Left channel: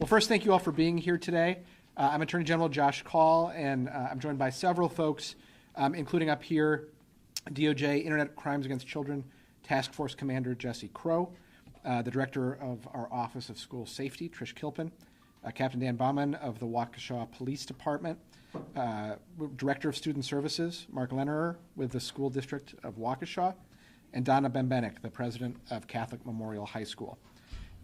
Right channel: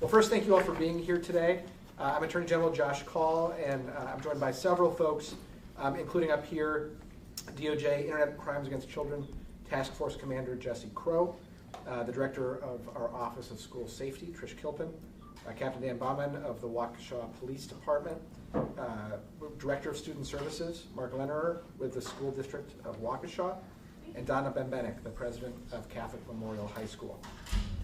Well, first, thank you all for being here today. I'm Attorney General Josh Kaul, and I'm joined by several folks, including up here, DOJ Internet Crimes Against Children Task Force Commander Jesse Crow, the Director of our Office of School Safety, Trish Kilpin, Captain Dan Bauman of the Waukesha Police Department, Director of Student Services, Mark Lennerer with the School District of Waukesha, and Donna Bembenek, the President of Catholic Memorial High School.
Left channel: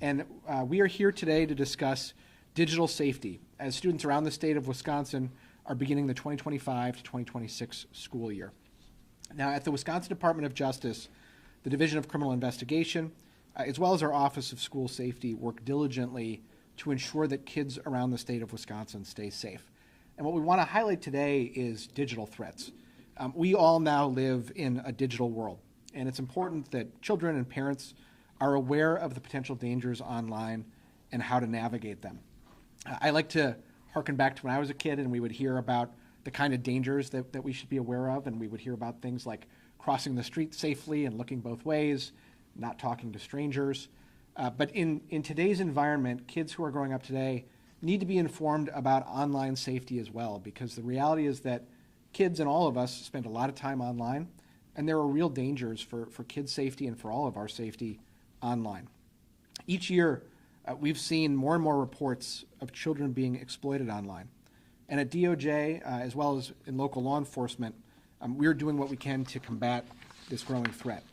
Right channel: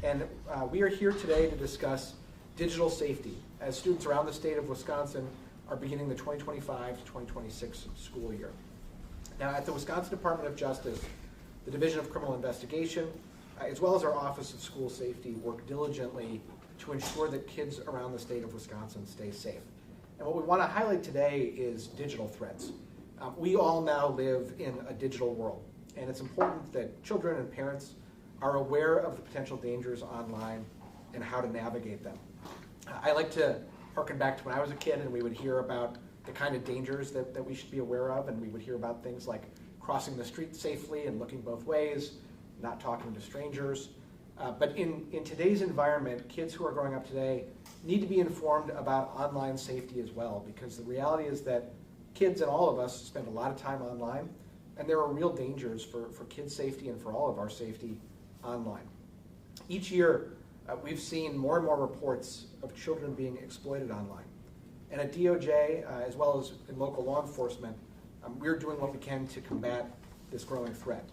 And we are here today to discuss digital safety as students around the state of Wisconsin are beginning the 2025 to 2026 school year. Now, at the Wisconsin Department of Justice, the Division of Criminal Investigation, as well as our Office of School Safety, work diligently to ensure that kids around the state of Wisconsin stay safe. And what we want to highlight today is digital threats. We all now live in a digital world, and it's important that children and parents are aware of the potential dangers online and how to navigate them. I like to harken back to when I was a kid and we would hear about the kind of dangers that we should be aware of, and we would hear about things like crossing the street safely and looking both ways, not talking to strangers. But in today's environment, kids who are growing up today need to be informed about online safety as well, because the reality is that kids and all of us spend a lot of time online, and there are real dangers for kids' safety and for all of our safety online. Each year, we've seen more and more reports of children being exploited online. And at DOJ, as well as in local law enforcement, we're doing what we can to combat this growing threat.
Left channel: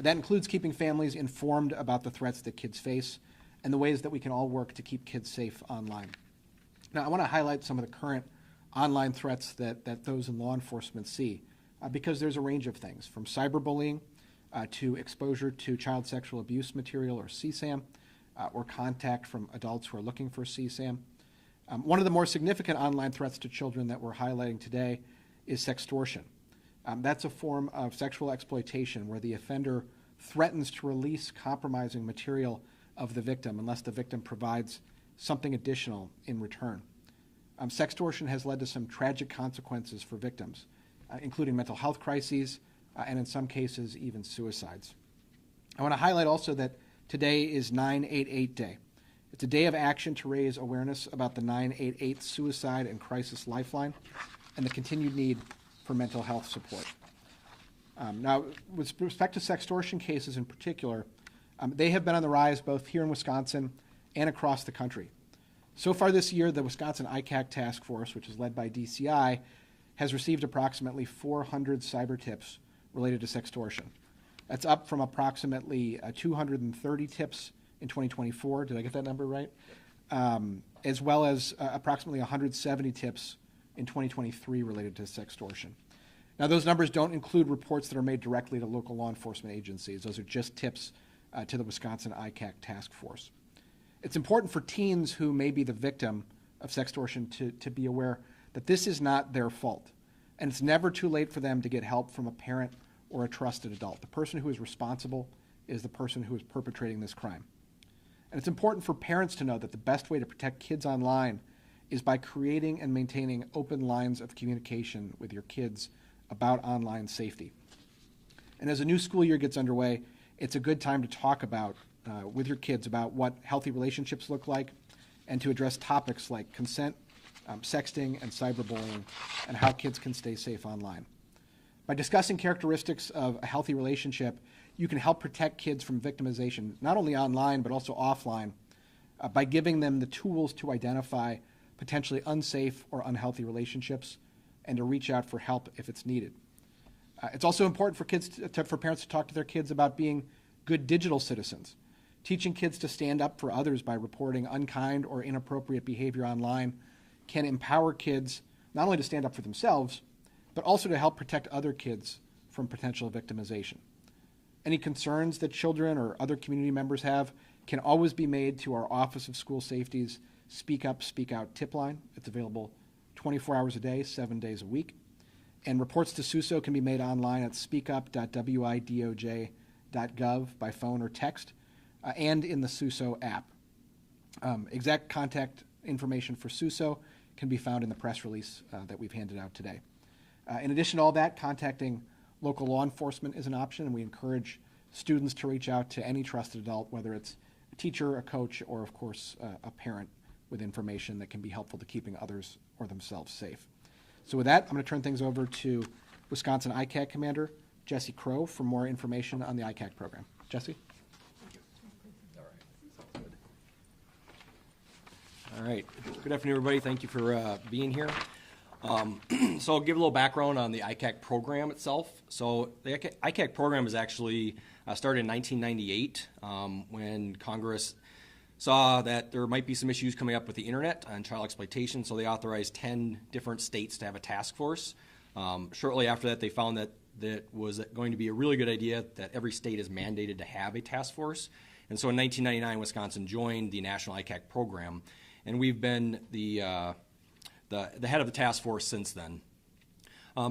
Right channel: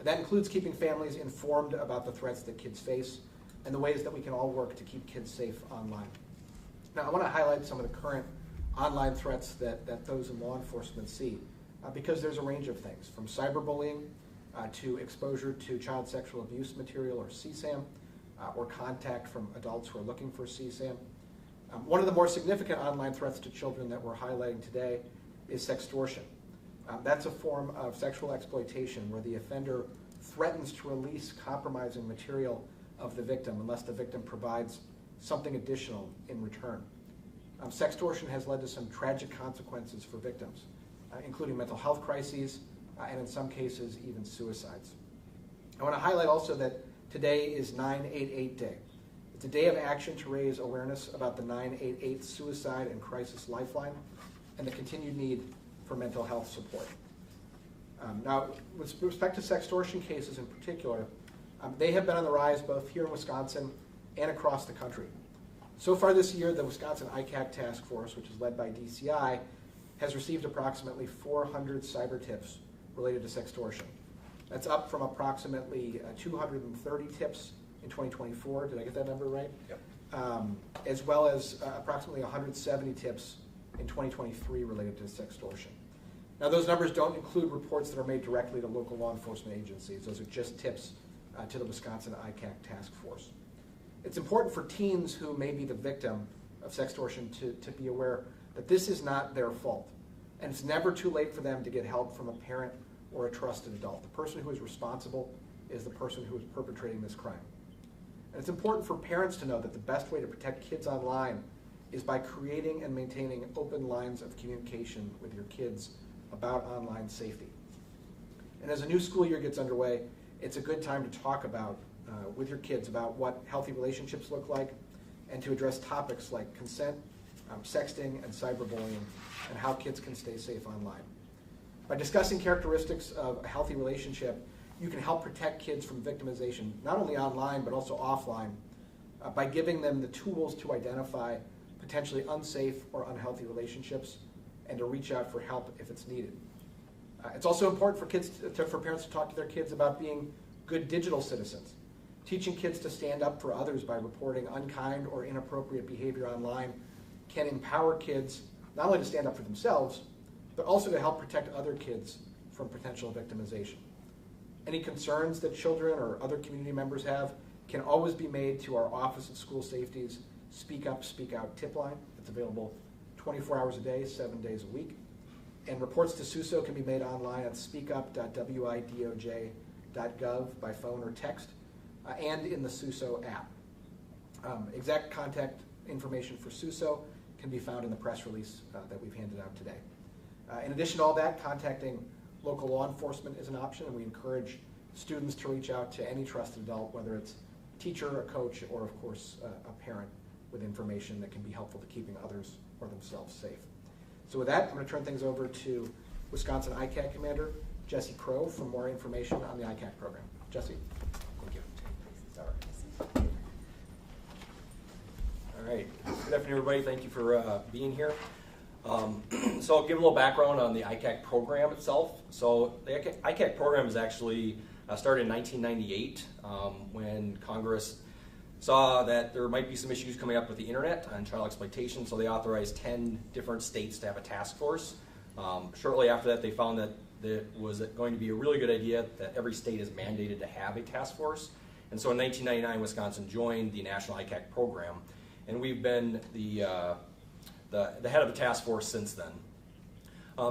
That includes keeping families informed about the threats that kids face and the ways that we can all work to keep kids safe online. Now, I want to highlight some of the current online threats that those in law enforcement see, because there's a range of things, from cyberbullying to exposure to child sexual abuse material, or CSAM, or contact from adults who are looking for CSAM. One of the more significant online threats to children that we're highlighting today is sextortion. That's a form of sexual exploitation where the offender threatens to release compromising material of the victim unless the victim provides something additional in return. Sextortion has led to some tragic consequences for victims, including mental health crises, and in some cases, even suicides. I want to highlight also that today is 988 Day. It's a day of action to raise awareness about the 988 Suicide and Crisis Lifeline and the continued need for mental health support. Now, with respect to sextortion cases in particular, they have been on the rise both here in Wisconsin and across the country. So far this year, the Wisconsin ICAC Task Force, which is led by DCI, has received approximately 400 cyber tips related to sextortion. That's up from approximately 230 tips in 2024. Did I get that number right? Yep. As well as approximately 170 tips in 2023 related to sextortion. Now, those numbers don't include reports that are made directly to local law enforcement agencies. Those are just tips to the Wisconsin ICAC Task Force. It's important for teens who may be the victim of sextortion to be aware that this is not their fault. And it's never too late for them to get help from a parent or a trusted adult. The person who is responsible is the person who is perpetrating this crime. And it's important for parents to know that the best way to protect kids online is by creating and maintaining open lines of communication with your kids about online safety. And as a new school year gets underway, it's a good time to talk about with your kids about what healthy relationships look like, and to address topics like consent, sexting, and cyberbullying, and how kids can stay safe online. By discussing characteristics of a healthy relationship, you can help protect kids from victimization, not only online but also offline, by giving them the tools to identify potentially unsafe or unhealthy relationships and to reach out for help if it's needed. It's also important for parents to talk to their kids about being good digital citizens. Teaching kids to stand up for others by reporting unkind or inappropriate behavior online can empower kids not only to stand up for themselves, but also to help protect other kids from potential victimization. Any concerns that children or other community members have can always be made to our Office of School Safety's Speak Up, Speak Out tip line. It's available 24 hours a day, 7 days a week. And reports to SUSO can be made online at speakup.widoj.gov by phone or text, and in the SUSO app. Exact contact information for SUSO can be found in the press release that we've handed out today. In addition to all that, contacting local law enforcement is an option, and we encourage students to reach out to any trusted adult, whether it's teacher, a coach, or of course a parent with information that can be helpful to keeping others or themselves safe. So with that, I'm going to turn things over to Wisconsin ICAC Commander Jesse Crow for more information on the ICAC program. Jesse? Thank you. All right. Good afternoon, everybody. Thank you for being here. So I'll give a little background on the ICAC program itself. So the ICAC program is actually started in 1998 when Congress saw that there might be some issues coming up with the internet and child exploitation, so they authorized 10 different states to have a task force. Shortly after that, they found that it was going to be a really good idea that every state is mandated to have a task force. And so in 1999, Wisconsin joined the National ICAC program, and we've been the head of the task force since then.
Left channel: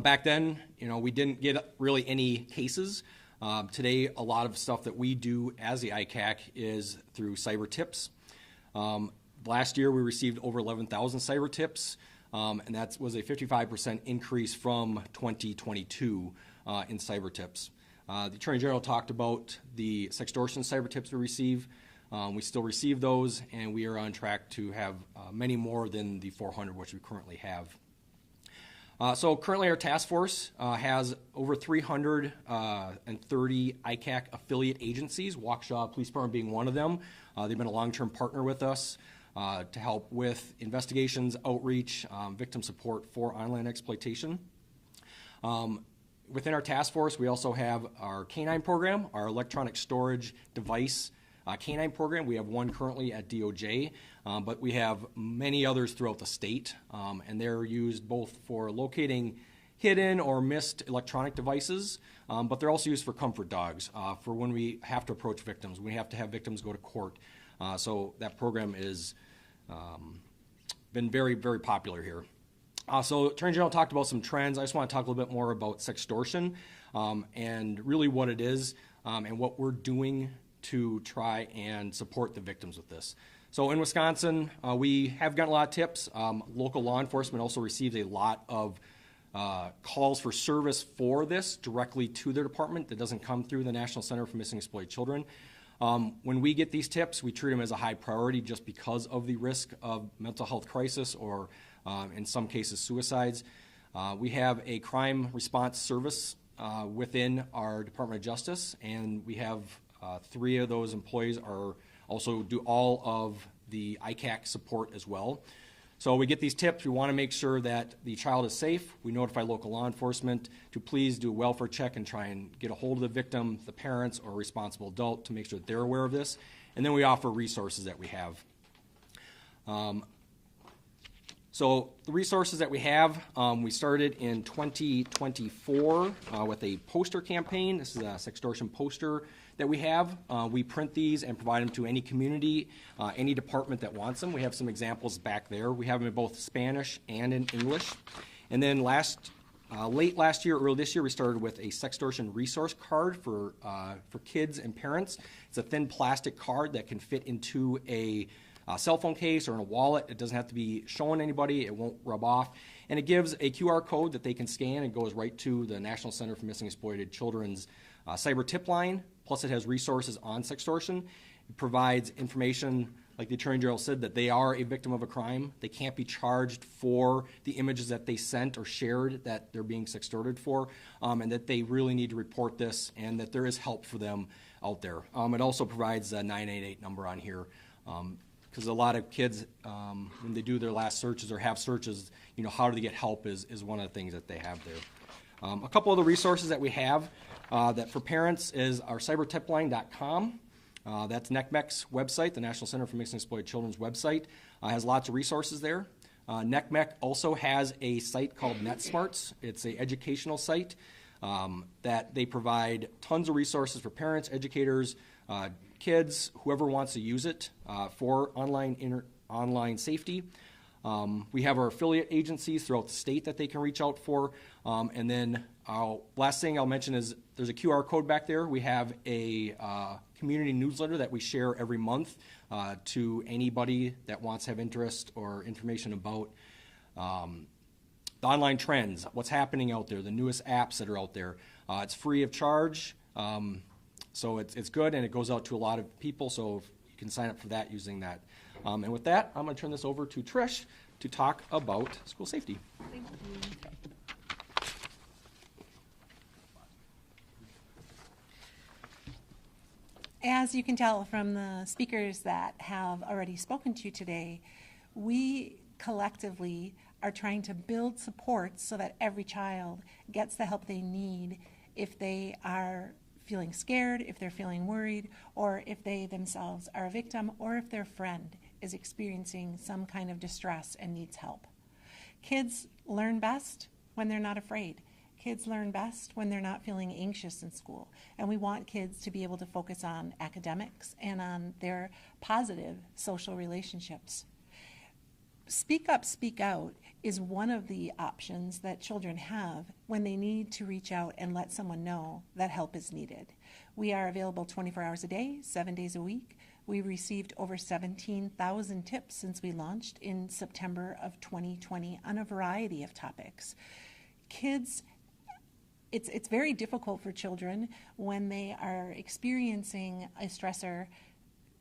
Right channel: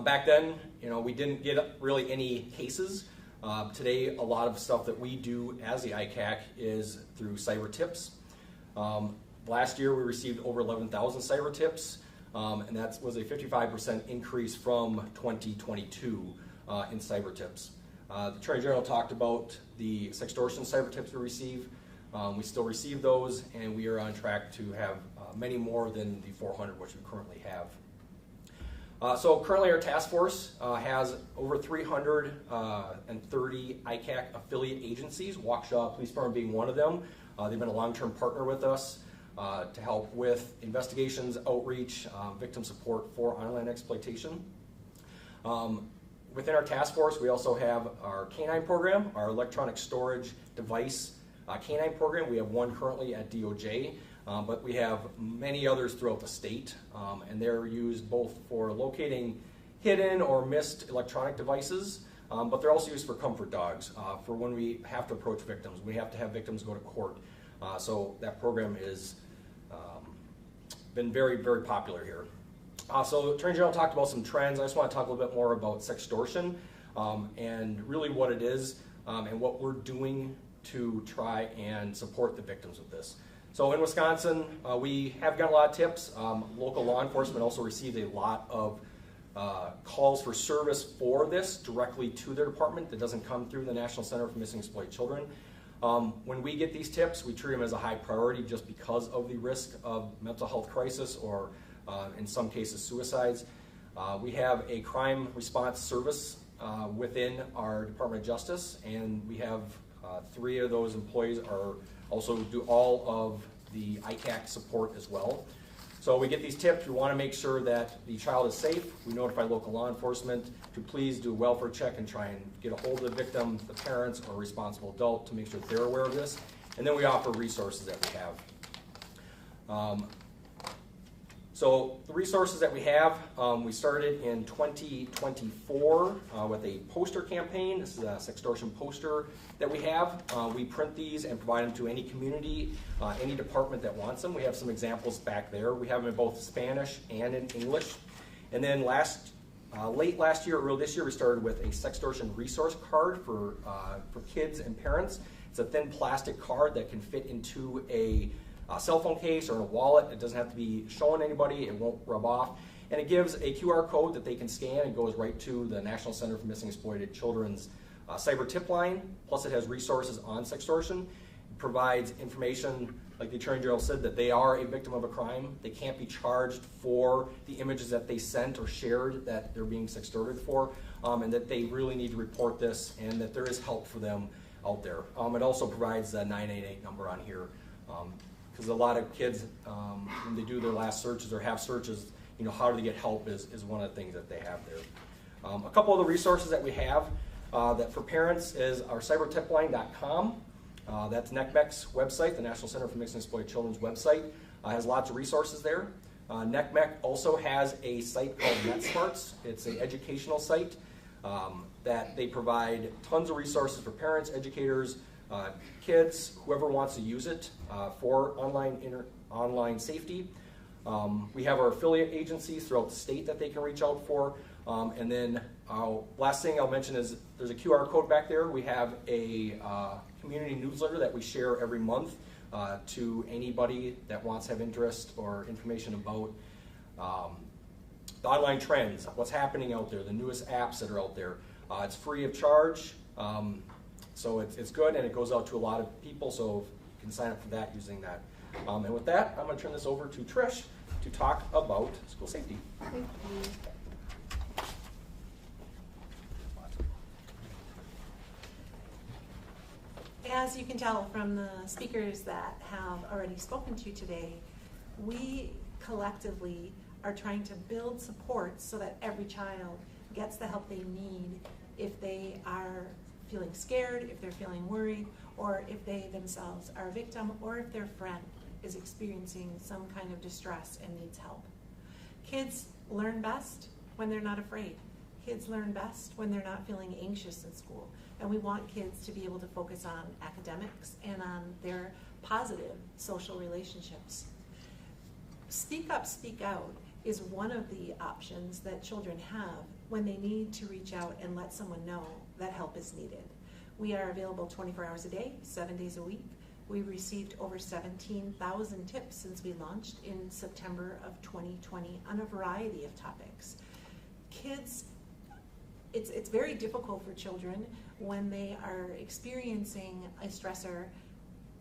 Back then, we didn't get really any cases. Today, a lot of stuff that we do as the ICAC is through cyber tips. Last year, we received over 11,000 cyber tips, and that was a 55% increase from 2022 in cyber tips. The Attorney General talked about the sextortion cyber tips we receive. We still receive those, and we are on track to have many more than the 400 which we currently have. So currently our task force has over 330 ICAC affiliate agencies, Waukesha Police Department being one of them. They've been a long-term partner with us to help with investigations, outreach, victim support for online exploitation. Within our task force, we also have our canine program, our electronic storage device canine program. We have one currently at DOJ. But we have many others throughout the state, and they're used both for locating hidden or missed electronic devices, but they're also used for comfort dogs, for when we have to approach victims. We have to have victims go to court. So that program is been very, very popular here. So Attorney General talked about some trends. I just want to talk a little bit more about sextortion and really what it is and what we're doing to try and support the victims with this. So in Wisconsin, we have gotten a lot of tips. Local law enforcement also receives a lot of calls for service for this directly to their department that doesn't come through the National Center for Missing and Exploited Children. When we get these tips, we treat them as a high priority just because of the risk of mental health crisis or in some cases suicides. We have a crime response service within our Department of Justice, and we have 3 of those employees are also do all of the ICAC support as well. So we get these tips, we want to make sure that the child is safe. We notify local law enforcement to please do a welfare check and try and get a hold of the victim, the parents, or responsible adult to make sure that they're aware of this. And then we offer resources that we have. So the resources that we have, we started in 2024 with a poster campaign. This is a sextortion poster that we have. We print these and provide them to any community, any department that wants them. We have some examples back there. We have them in both Spanish and in English. And then late last year, early this year, we started with a sextortion resource card for kids and parents. It's a thin plastic card that can fit into a cell phone case or in a wallet. It doesn't have to be showing anybody. It won't rub off. And it gives a QR code that they can scan and goes right to the National Center for Missing and Exploited Children's cyber tip line. Plus it has resources on sextortion. It provides information, like the Attorney General said, that they are a victim of a crime. They can't be charged for the images that they sent or shared that they're being sextorted for, and that they really need to report this and that there is help for them out there. It also provides a 988 number on here. Because a lot of kids, when they do their last searches or have searches, how do they get help is one of the things that they have there. A couple of the resources that we have that for parents is our cybertipline.com. That's NECMEC's website, the National Center for Missing and Exploited Children's website. Has lots of resources there. NECMEC also has a site called NetSmarts. It's an educational site that they provide tons of resources for parents, educators, kids, whoever wants to use it for online safety. We have our affiliate agencies throughout the state that they can reach out for. And then last thing I'll mention is there's a QR code back there. We have a community newsletter that we share every month to anybody that wants to have interest or information about the online trends, what's happening out there, the newest apps that are out there. It's free of charge. So it's good, and it goes out to a lot of people. So You can sign up for that using that. And with that, I'm going to turn this over to Trish to talk about school safety. Thank you. As you can tell from the speakers that have already spoken to you today, we collectively are trying to build supports so that every child gets the help they need if they are feeling scared, if they're feeling worried, or if they themselves are a victim, or if their friend is experiencing some kind of distress and needs help. Kids learn best when they're not afraid. Kids learn best when they're not feeling anxious in school. And we want kids to be able to focus on academics and on their positive social relationships. Speak up, speak out is one of the options that children have when they need to reach out and let someone know that help is needed. We are available 24 hours a day, 7 days a week. We received over 17,000 tips since we launched in September of 2020 on a variety of topics. Kids, it's very difficult for children when they are experiencing a stressor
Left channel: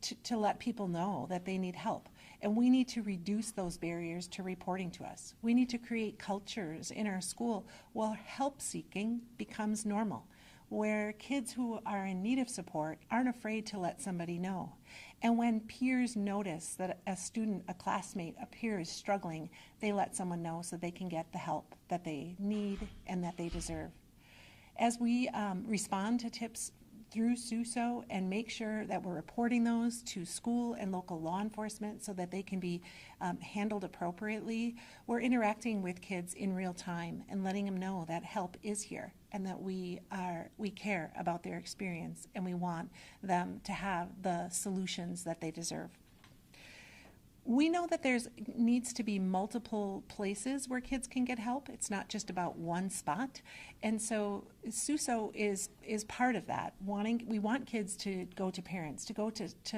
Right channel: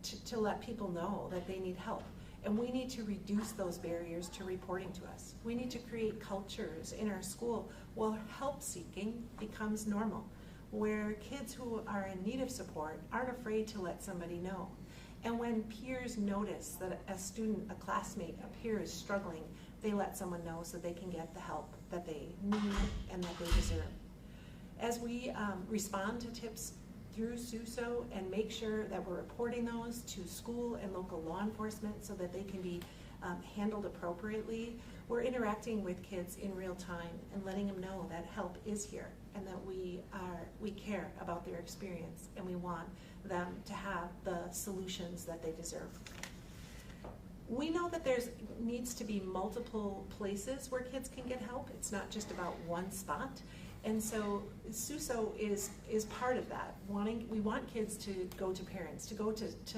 to let people know that they need help. And we need to reduce those barriers to reporting to us. We need to create cultures in our school where help seeking becomes normal, where kids who are in need of support aren't afraid to let somebody know. And when peers notice that a student, a classmate, a peer is struggling, they let someone know so they can get the help that they need and that they deserve. As we respond to tips through SUSO and make sure that we're reporting those to school and local law enforcement so that they can be handled appropriately, we're interacting with kids in real time and letting them know that help is here and that we care about their experience and we want them to have the solutions that they deserve. We know that there's needs to be multiple places where kids can get help. It's not just about one spot. And so SUSO is part of that. We want kids to go to parents, to go to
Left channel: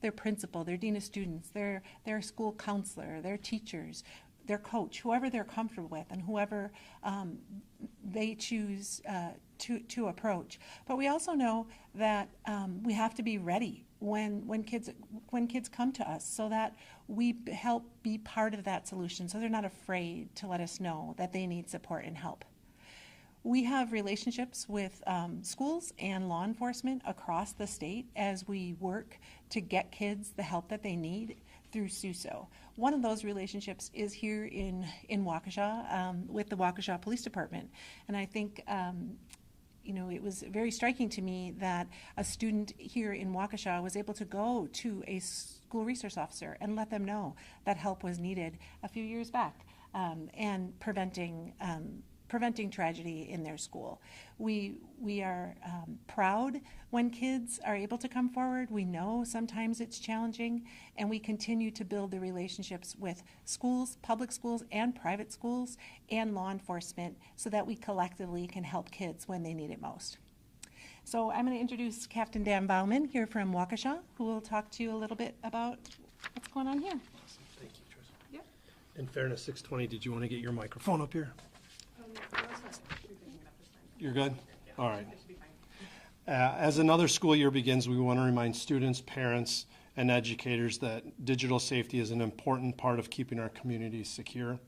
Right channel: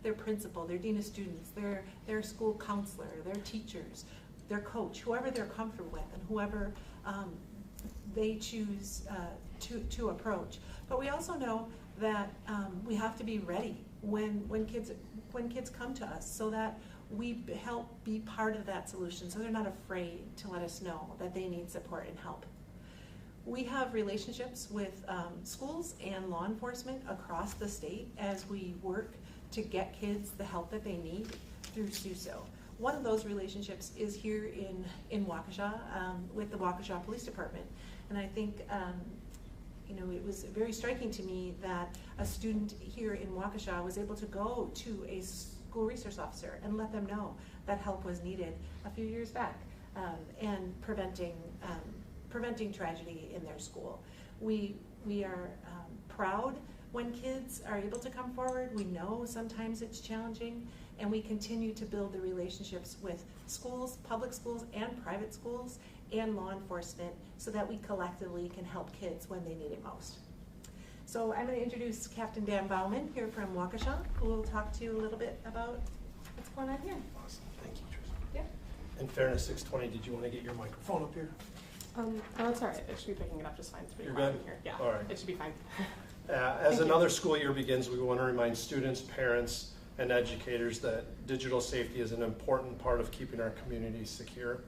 their principal, their dean of students, their school counselor, their teachers, their coach, whoever they're comfortable with and whoever they choose to approach. But we also know that we have to be ready when kids come to us so that we help be part of that solution so they're not afraid to let us know that they need support and help. We have relationships with schools and law enforcement across the state as we work to get kids the help that they need through SUSO. One of those relationships is here in Waukesha with the Waukesha Police Department. And I think it was very striking to me that a student here in Waukesha was able to go to a school resource officer and let them know that help was needed a few years back and preventing tragedy in their school. We are proud when kids are able to come forward. We know sometimes it's challenging, and we continue to build the relationships with schools, public schools and private schools, and law enforcement so that we collectively can help kids when they need it most. So I'm going to introduce Captain Dan Bauman here from Waukesha, who will talk to you a little bit about what's going on here. Awesome. Thank you, Trisha. Yeah. In fairness, 620, did you want to get your microphone up here? No, it's all right. It should be picking it up just fine. You're good? Here. Yeah, all right. It should be fine. As another school year begins, we want to remind students, parents, and educators that digital safety is an important part of keeping our communities secure.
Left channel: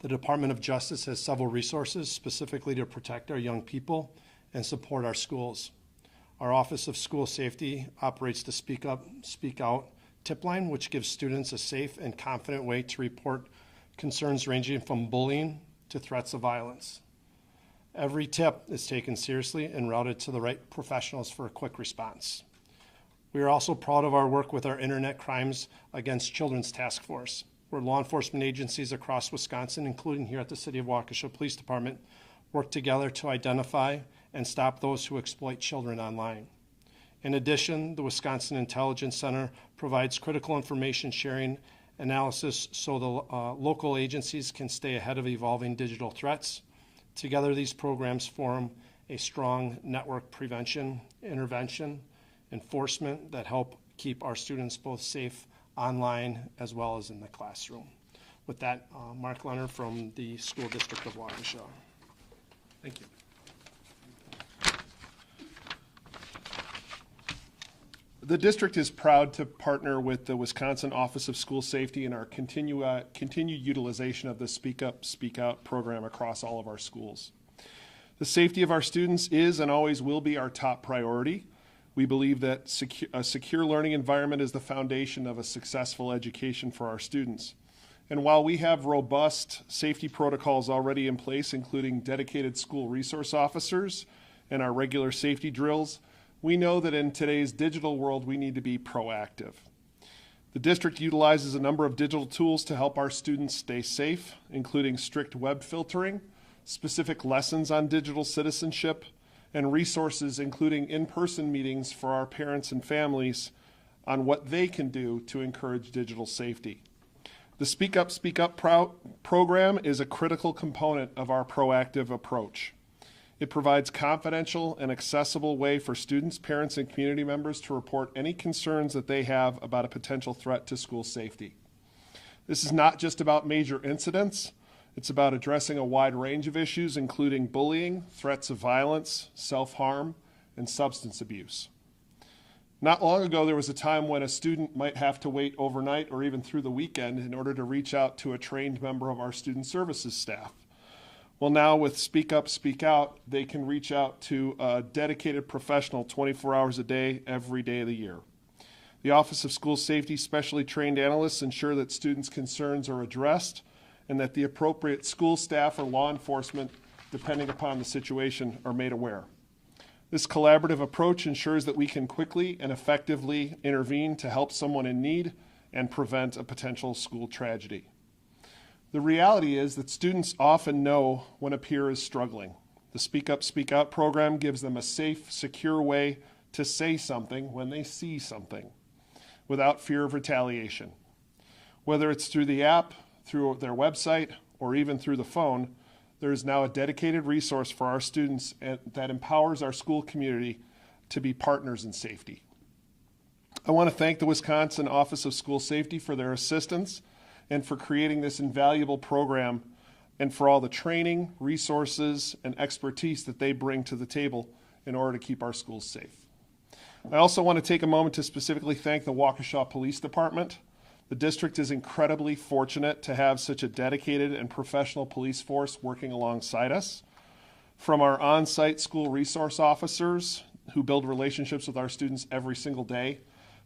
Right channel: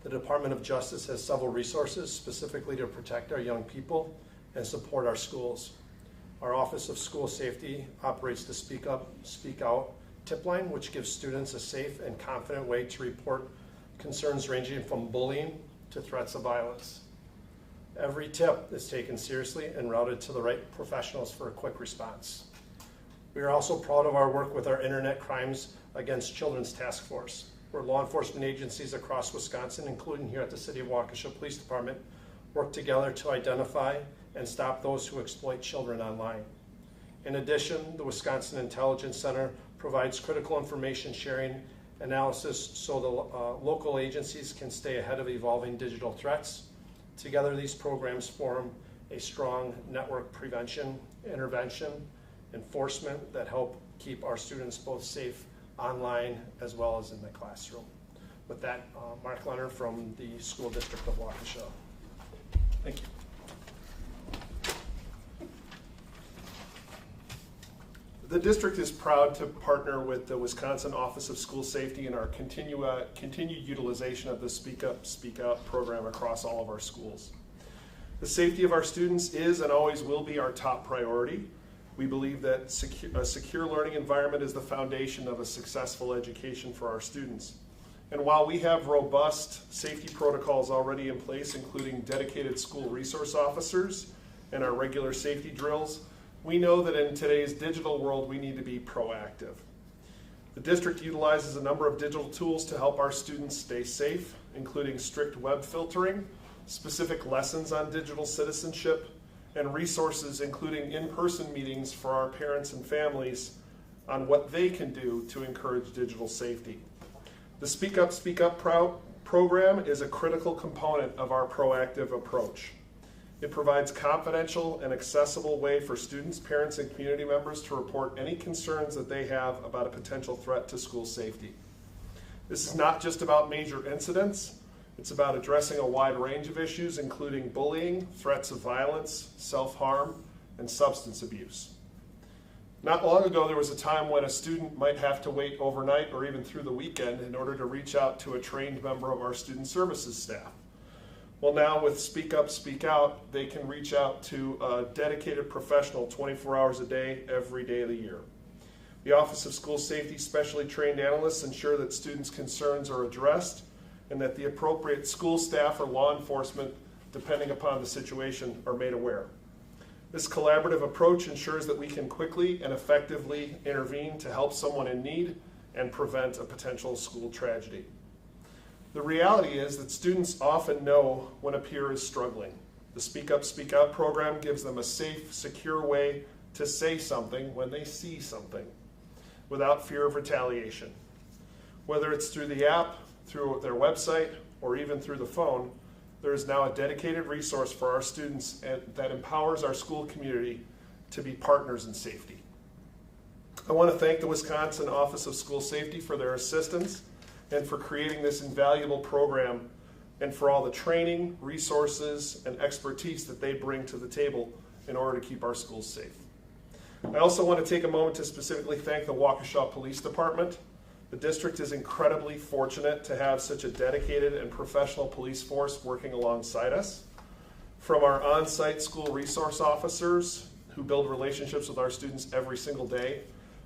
The Department of Justice has several resources specifically to protect our young people and support our schools. Our Office of School Safety operates the Speak Up, Speak Out tip line, which gives students a safe and confident way to report concerns ranging from bullying to threats of violence. Every tip is taken seriously and routed to the right professionals for a quick response. We are also proud of our work with our Internet Crimes Against Children's Task Force, where law enforcement agencies across Wisconsin, including here at the City of Waukesha Police Department, work together to identify and stop those who exploit children online. In addition, the Wisconsin Intelligence Center provides critical information sharing analysis so the local agencies can stay ahead of evolving digital threats. Together, these programs form a strong network prevention, intervention, enforcement that help keep our students both safe online as well as in the classroom. With that, Mark Leonard from the School District of Waukesha. Thank you. The district is proud to partner with the Wisconsin Office of School Safety in our continued utilization of the Speak Up, Speak Out program across all of our schools. The safety of our students is and always will be our top priority. We believe that a secure learning environment is the foundation of a successful education for our students. And while we have robust safety protocols already in place, including dedicated school resource officers and our regular safety drills, we know that in today's digital world, we need to be proactive. The district utilizes a number of digital tools to help our students stay safe, including strict web filtering, specific lessons on digital citizenship, and resources including in-person meetings for our parents and families on what they can do to encourage digital safety. The Speak Up program is a critical component of our proactive approach. It provides confidential and accessible way for students, parents, and community members to report any concerns that they have about a potential threat to school safety. This is not just about major incidents. It's about addressing a wide range of issues, including bullying, threats of violence, self-harm, and substance abuse. Not long ago, there was a time when a student might have to wait overnight or even through the weekend in order to reach out to a trained member of our student services staff. Well, now with Speak Up, Speak Out, they can reach out to a dedicated professional 24 hours a day, every day of the year. The Office of School Safety specially trained analysts ensure that students' concerns are addressed and that the appropriate school staff or law enforcement, depending upon the situation, are made aware. This collaborative approach ensures that we can quickly and effectively intervene to help someone in need and prevent a potential school tragedy. The reality is that students often know when a peer is struggling. The Speak Up, Speak Out program gives them a safe, secure way to say something when they see something without fear of retaliation. Whether it's through the app, through their website, or even through the phone, there is now a dedicated resource for our students that empowers our school community to be partners in safety. I want to thank the Wisconsin Office of School Safety for their assistance and for creating this invaluable program and for all the training, resources, and expertise that they bring to the table in order to keep our schools safe. I also want to take a moment to specifically thank the Waukesha Police Department. The district is incredibly fortunate to have such a dedicated and professional police force working alongside us. From our on-site school resource officers who build relationships with our students every single day,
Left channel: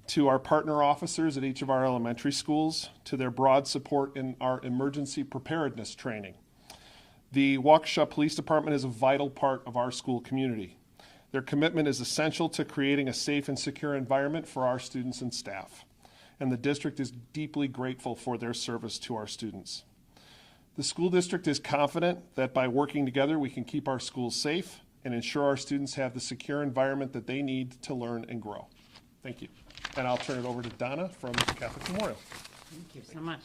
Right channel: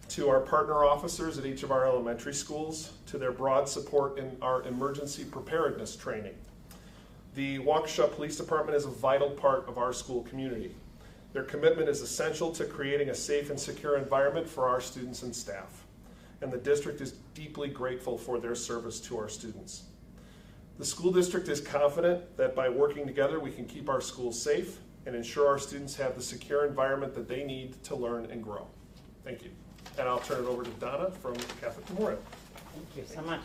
to our partner officers at each of our elementary schools, to their broad support in our emergency preparedness training. The Waukesha Police Department is a vital part of our school community. Their commitment is essential to creating a safe and secure environment for our students and staff. And the district is deeply grateful for their service to our students. The school district is confident that by working together we can keep our schools safe and ensure our students have the secure environment that they need to learn and grow. Thank you. And I'll turn it over to Donna from Catholic Memorial. Thank you so much.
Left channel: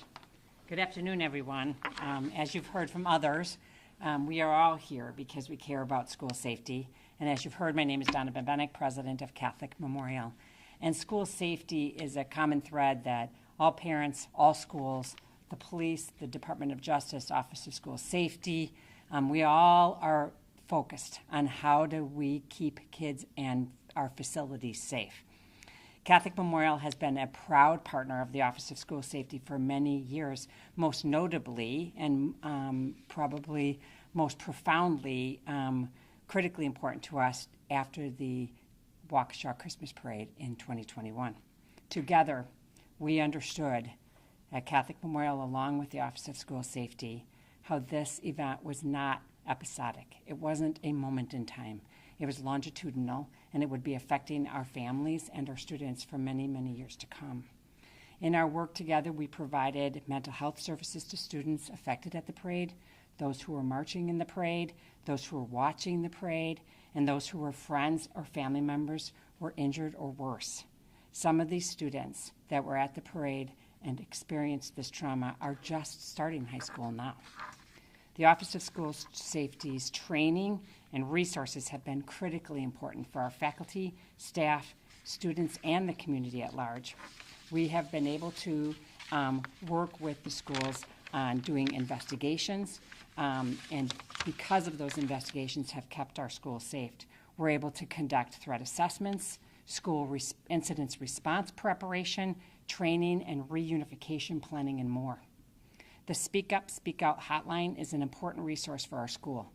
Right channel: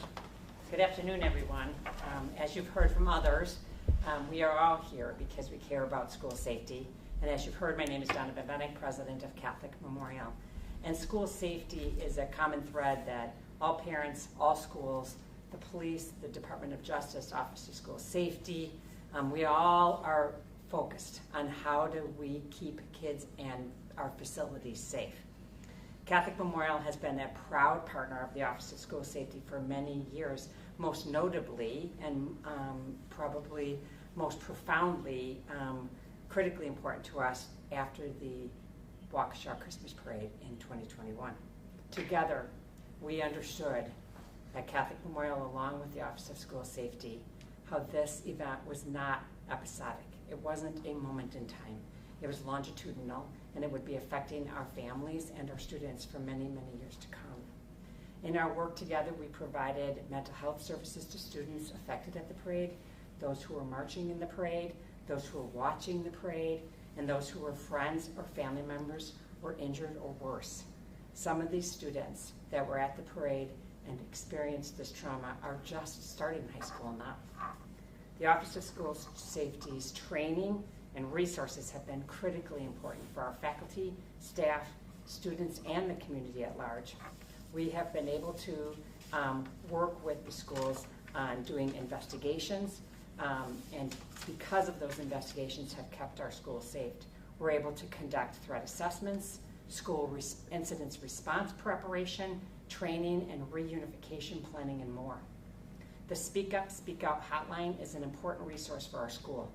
Good afternoon, everyone. As you've heard from others, we are all here because we care about school safety. And as you've heard, my name is Donna Bebenek, president of Catholic Memorial. And school safety is a common thread that all parents, all schools, the police, the Department of Justice, Office of School Safety, we all are focused on how do we keep kids and our facilities safe. Catholic Memorial has been a proud partner of the Office of School Safety for many years, most notably and probably most profoundly critically important to us after the Waukesha Christmas Parade in 2021. Together, we understood at Catholic Memorial, along with the Office of School Safety, how this event was not episodic. It wasn't a moment in time. It was longitudinal, and it would be affecting our families and our students for many, many years to come. In our work together, we provided mental health services to students affected at the parade, those who were marching in the parade, those who were watching the parade, and those who were friends or family members were injured or worse. Some of these students that were at the parade and experienced this trauma are just starting high school now. The Office of School Safety's training and resources have been critically important for our faculty, staff, students, and the community at large. We have been able to work with the schools on doing investigations, and because of those investigations have kept our schools safe. We're able to conduct threat assessments, incidents response preparation, training, and reunification planning, and more. The Speak Up, Speak Out hotline is an important resource for our school.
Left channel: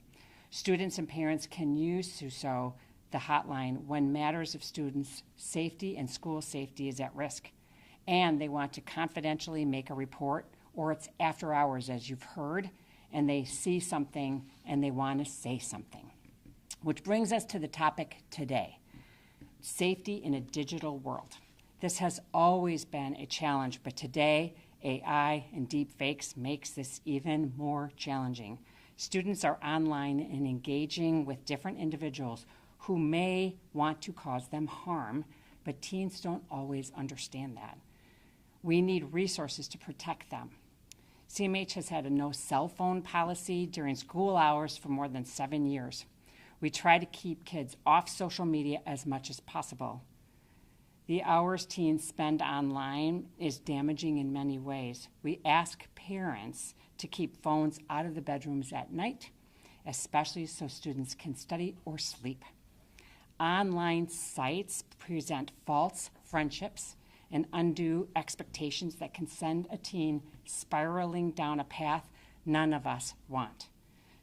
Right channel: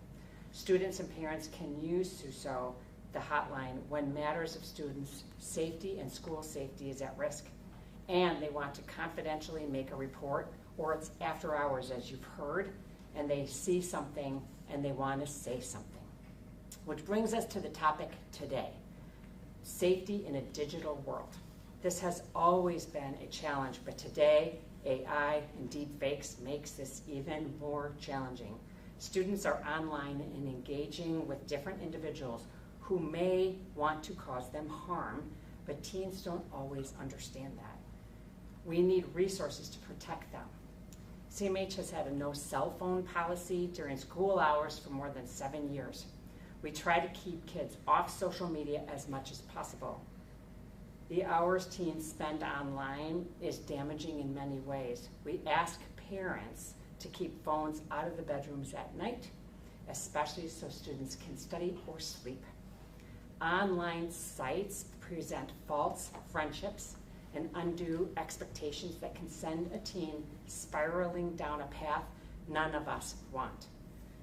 Students and parents can use SUSO, the hotline, when matters of students' safety and school safety is at risk, and they want to confidentially make a report, or it's after hours, as you've heard, and they see something and they want to say something. Which brings us to the topic today, safety in a digital world. This has always been a challenge, but today, AI and deepfakes makes this even more challenging. Students are online and engaging with different individuals who may want to cause them harm, but teens don't always understand that. We need resources to protect them. CMH has had a no cell phone policy during school hours for more than 7 years. We try to keep kids off social media as much as possible. The hours teens spend online is damaging in many ways. We ask parents to keep phones out of the bedrooms at night, especially so students can study or sleep. Online sites present false friendships and undue expectations that can send a teen spiraling down a path none of us want.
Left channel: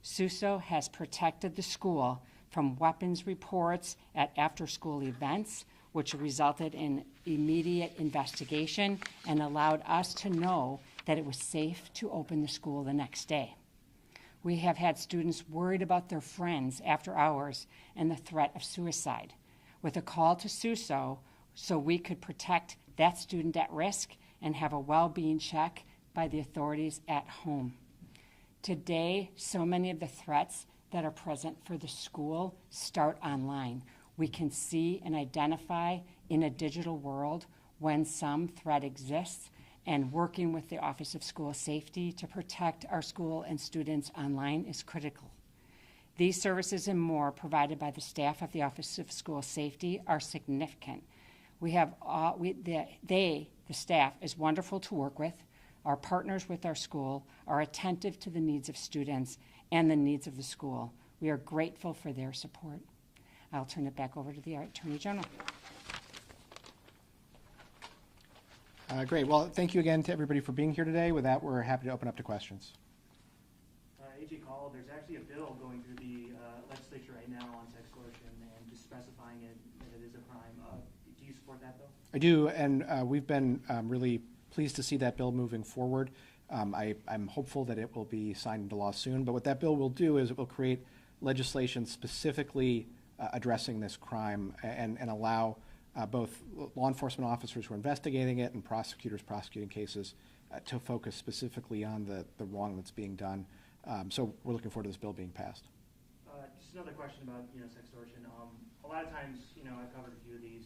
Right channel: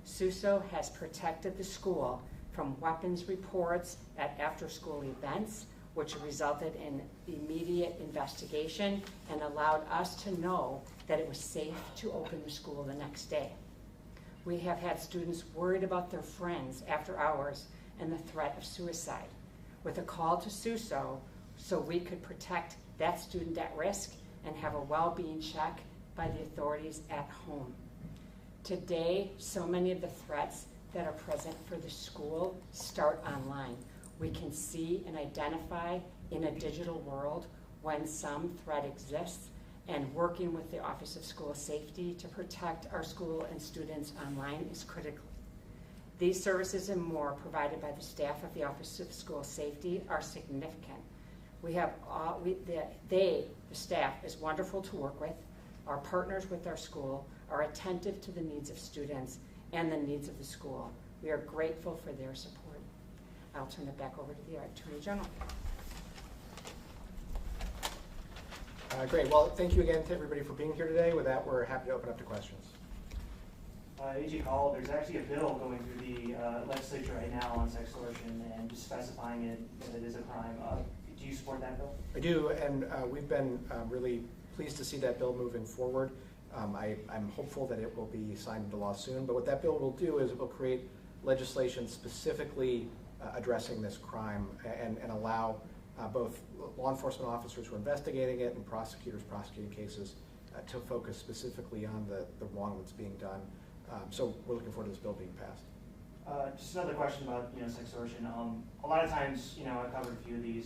SUSO has protected the school from weapons reports at after-school events, which resulted in immediate investigation and allowed us to know that it was safe to open the school the next day. We have had students worried about their friends after hours and the threat of suicide, with a call to SUSO so we could protect that student at risk and have a well-being check by the authorities at home. Today, so many of the threats that are present for the school start online. We can see and identify in a digital world when some threat exists, and working with the Office of School Safety to protect our school and students online is critical. These services and more provided by the staff of the Office of School Safety are significant. The staff is wonderful to work with. Our partners with our school are attentive to the needs of students and the needs of the school. We are grateful for their support. I'll turn it back over to the Attorney General. Great. Well, thank you again to everybody for being here today. With that, we're happy to open up to questions. AG Kaul, there's actually a bill going through the legislature right now on sextortion and just specifying it that it is a crime. Do you support that bill? I do, and we've been really pleased to see that bill moving forward. I'm hopeful that it will be signed into law soon, but what that bill will do is it will create legislation specifically addressing this crime and allow both law enforcement officers who are investigating it and prosecutors prosecuting cases to focus specifically on the wrong that's being done. So we're looking forward to this bill being passed. Just another question about sextortion. A lot of times, I've covered a few of these.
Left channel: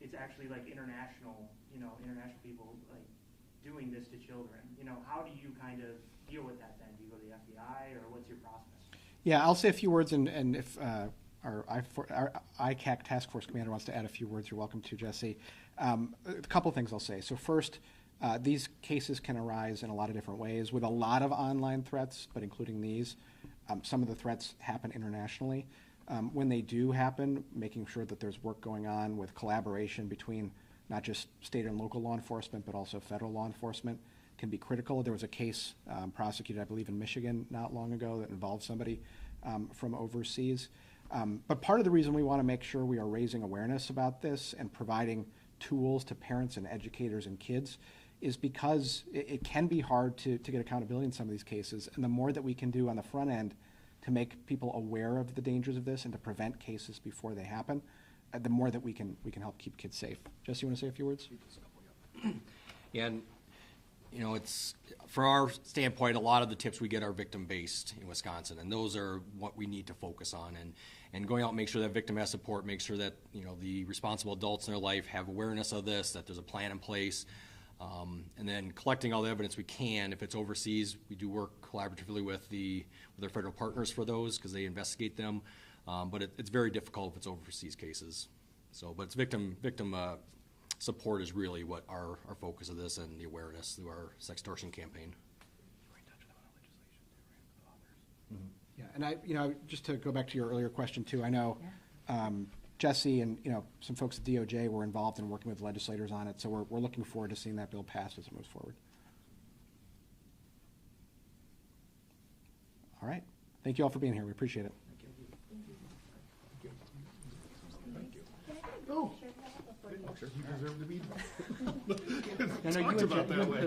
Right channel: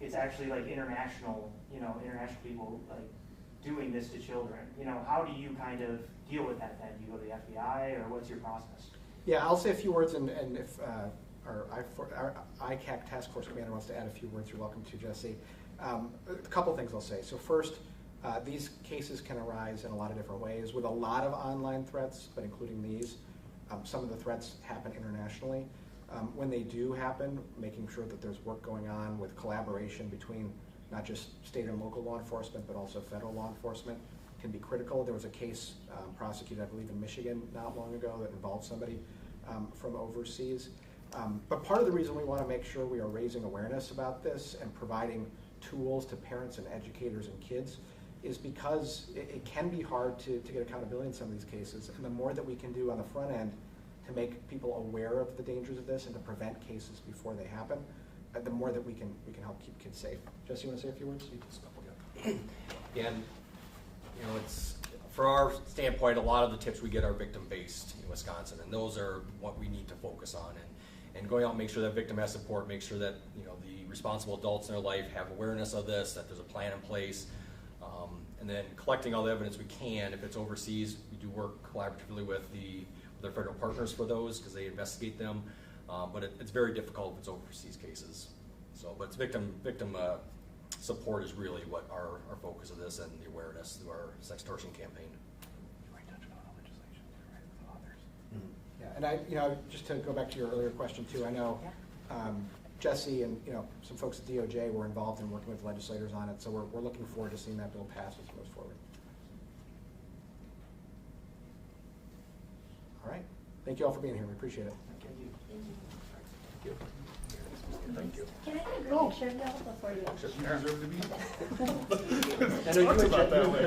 It's actually like international people like doing this to children. How do you kind of deal with that then? Do you go to the FBI or what's your process? Yeah, I'll say a few words, and if our ICAC task force commander wants to add a few words, you're welcome to, Jesse. A couple things I'll say. So first, these cases can arise in a lot of different ways with a lot of online threats, but including these. Some of the threats happen internationally. When they do happen, making sure that there's work going on with collaboration between not just state and local law enforcement, but also federal law enforcement can be critical. There was a case prosecuted, I believe, in Michigan not long ago that involved somebody from overseas. But part of the reason we want to make sure we are raising awareness about this and providing tools to parents and educators and kids is because it can be hard to get accountability in some of these cases. And the more that we can do on the front end to make people aware of the dangers of this and to prevent cases before they happen, the more that we can help keep kids safe. Jesse, you want to say a few words? And it's for our standpoint, a lot of the tips we get are victim-based in Wisconsin, and those are what we need to focus on. And going out and make sure that victim has support, make sure that the responsible adults in their life have awareness of this, that there's a plan in place, and then collecting all the evidence we can. If it's overseas, we do work collaboratively with their federal partners for those because they investigate them. But it's very difficult if it's overseas cases. So, but it's victim support is really what our focus of this and the awareness through our sextortion campaign. Yeah, and just to go back to your earlier question too, I know Jesse and, some folks at DOJ were involved in working with legislators on it, so we're looking forward to seeing that bill pass as it moves forward. All right. Thank you all for being here. We appreciate it. Can I get a group picture of y'all before you? I know you mentioned that way.